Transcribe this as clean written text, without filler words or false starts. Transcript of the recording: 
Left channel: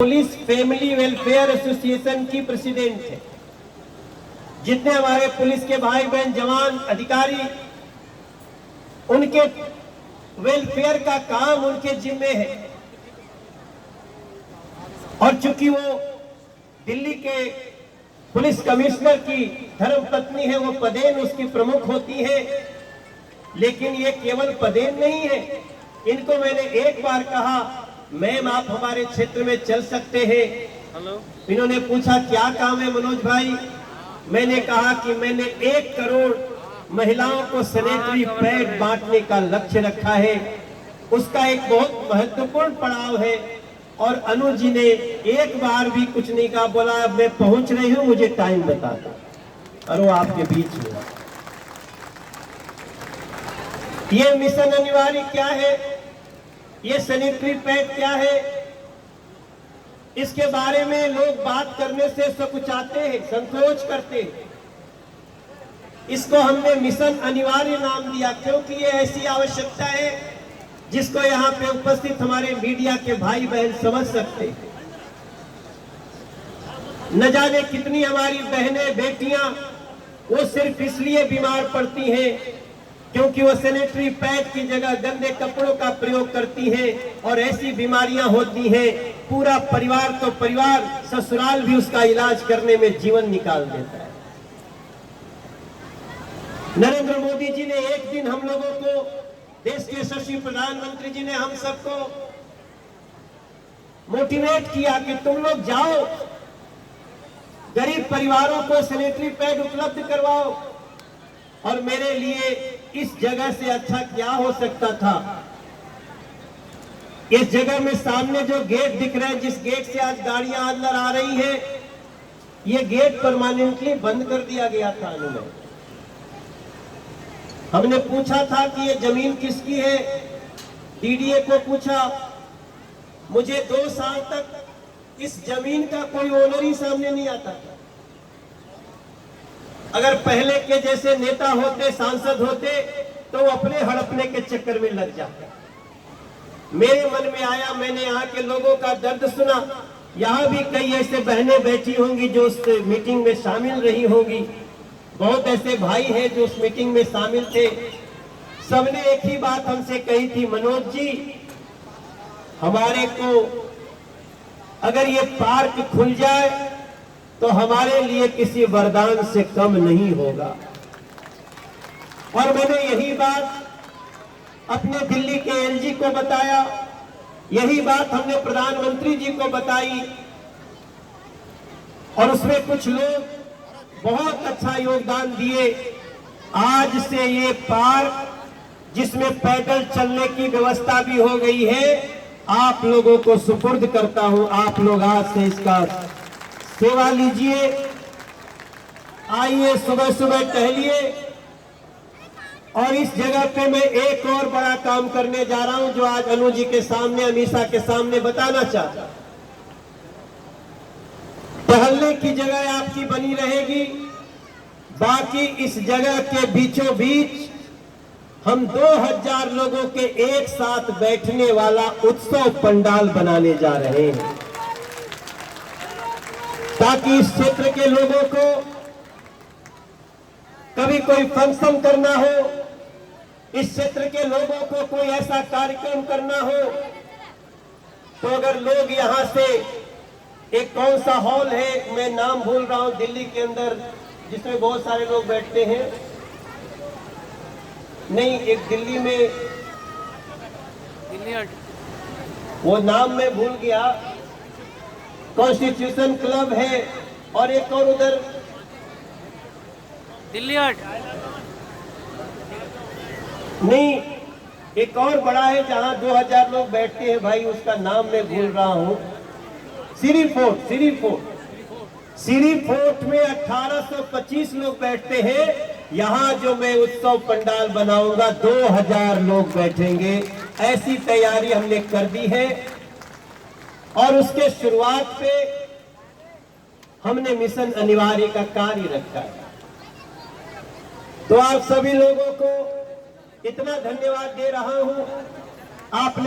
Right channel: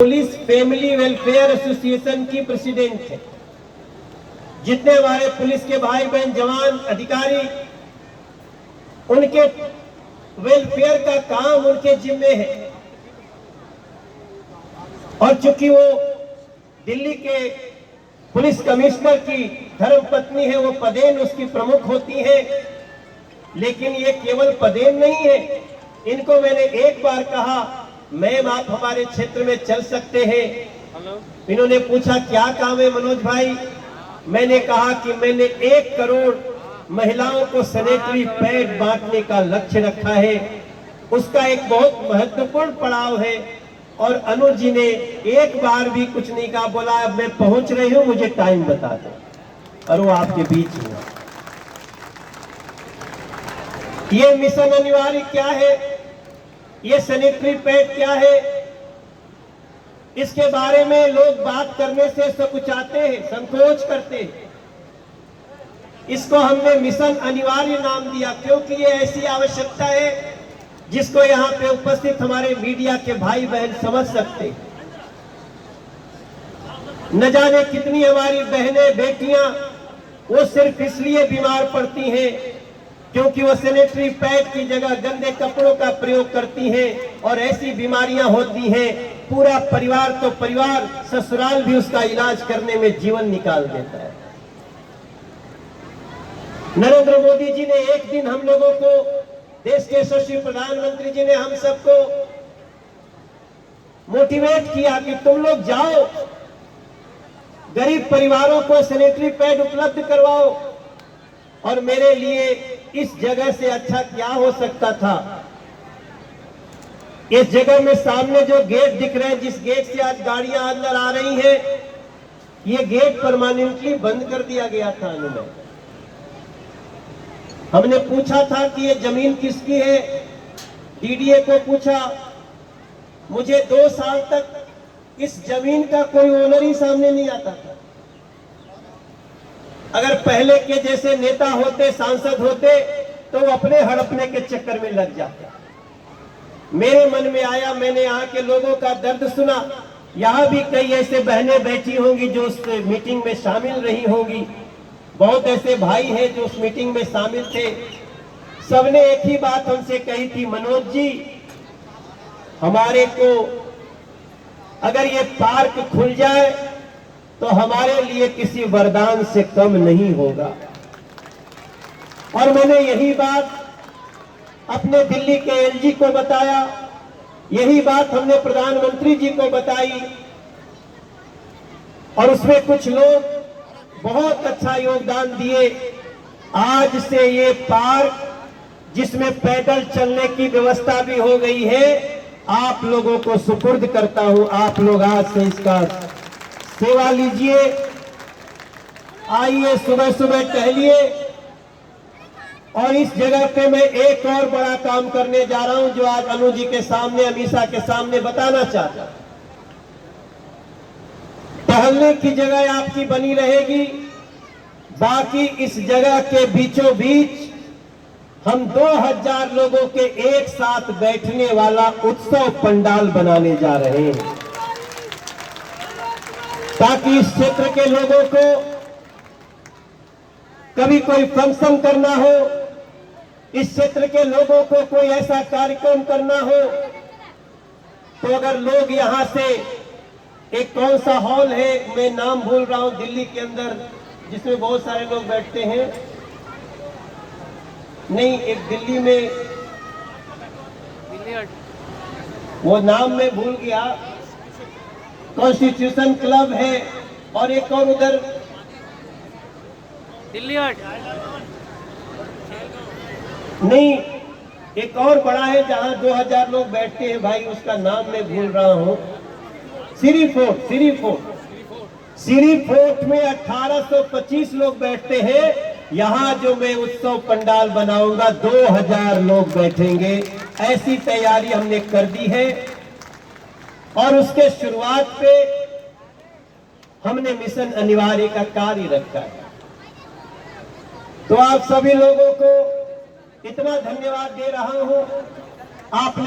Police family welfare association की president है। जितने हमारे पुलिस के भाई बहन जवान अधिकारी, उनके वेलफेयर का काम उनके जिम्मे है। और चूंकि वो दिल्ली के पुलिस कमिश्नर की धर्मपत्नी है, वो पदेन उसकी प्रमुख होती है। लेकिन ये केवल पदेन नहीं है। इनको मैंने एक बार कहा, मैम आप हमारे क्षेत्र में चल सकते हैं। इन्होंने पूछा क्या काम है मनोज भाई। मैंने कहा कि मैंने 1 करोड़ महिलाओं को सैनिटरी पैड बांटने का लक्ष्य रखा है। उसका एक बहुत महत्वपूर्ण पड़ाव है। और अनु जी ने एक बार भी कुछ नहीं कहा, बोला मैं पहुंच रही हूं, मुझे टाइम बता दो। और वो आपके बीच में। ये मिशन अनिवार्य क्या है, ये सैनिटरी पैड क्या है, इसके बारे में लोग बात करने से सकुचाते हैं, संकोच करते हैं। इसको हमने मिशन अनिवार्य नाम दिया, क्योंकि ये ऐसी आवश्यकता है जिसको यहाँ पे उपस्थित हमारे मीडिया के भाई बहन समझ सकते हैं। न जाने कितनी हमारी बहनें बेटियां वो सिर्फ इसलिए बीमार पड़ती हैं क्योंकि वो सैनिटरी पैड की जगह गंदे कपड़ों का प्रयोग करती हैं और ऐसी बीमारियां होती हैं, पूरा परिवार तो परिवार, ससुराल भी उसका इलाज करने में जीवन निकाल देता है। नरेंद्र मोदी जी ने एक दिन हम लोगों को, देश के यशस्वी प्रधानमंत्री जी ने हम सबको मोटिवेट किया कि तुम लोग जाओ, गरीब परिवारों को सैनिटरी पैड उपलब्ध करवाओ। और मेरे लिए इस जगह से अच्छा क्या हो सकता था। इस जगह में सामने जो गेट दिख रहे हैं, जिस गेट से आज गाड़ियां अंदर आ रही हैं, ये गेट परमानेंटली बंद कर दिया गया था। अनुमय हमने पूछा था कि ये जमीन किसकी है, डीडीए को पूछा। मुझे 2 साल तक इस जमीन का कोई ओनर ही सामने नहीं आता था। अगर पहले के जैसे नेता होते, सांसद होते, तो वो अपने हड़पने के चक्कर में लग जाते। मेरे मन में आया, मैंने यहाँ के लोगों का दर्द सुना। यहाँ भी कई ऐसे बहनें बैठी होंगी जो उस मीटिंग में शामिल रही होंगी, बहुत ऐसे भाई हैं जो उस मीटिंग में शामिल थे। सबने एक ही बात हमसे कही थी, मनोज जी हमारे को अगर ये पार्क खुल जाए तो हमारे लिए किसी वरदान से कम नहीं होगा। और मैंने यही बात अपने दिल्ली के एलजी को बताया, यही बात हमने प्रधानमंत्री जी को बताई। और उसमें कुछ लोग बहुत अच्छा योगदान दिए। आज से ये पार्क, जिसमें पैदल चलने की व्यवस्था भी हो गई है, आप लोगों को सुपुर्द करता हूं। आप लोग आज से इसका सेवा लीजिए। आइए, सुबह सुबह टहलिए। और इस जगह पे मैं एक और बड़ा काम करने जा रहा हूं, जो आज अनु जी के सामने, अमीषा के सामने बताना चाहता हूं। टहलने की जगह आपकी बनी रहेगी, बाकी इस जगह के बीचों बीच हम 2000 लोगों के एक साथ बैठने वाला उत्सव पंडाल बनाने जा रहे हैं, ताकि इस क्षेत्र के लोगों को कभी कोई फंक्शन करना हो, इस क्षेत्र के लोगों को कोई ऐसा कार्यक्रम करना हो, तो अगर लोग यहां से, एक कौन सा हॉल है, मैं नाम भूल रहा हूं, दिल्ली के अंदर जिसमें बहुत सारे लोग बैठते हैं, नहीं एक दिल्ली में, वो नाम मैं भूल गया, कॉन्स्टिट्यूशन क्लब है, और एक और उधर दिल्ली हाट नहीं, एक और बड़ा है जहां 2000 लोग बैठते हैं भाई, उसका नाम मैं भूल रहा हूं। सीरी फोर्ट में 1825 लोग बैठते हैं। यहां जो मैं उत्सव पंडाल बनाऊंगा, 2000 लोग बैठेंगे। ऐसी तैयारी हमने कर दी है। और उसके शुरुआत पे हमने मिशन अनिवार्य का कार्य रखा है। तो आप सभी लोगों को इतना धन्यवाद दे रहा हूं। आपने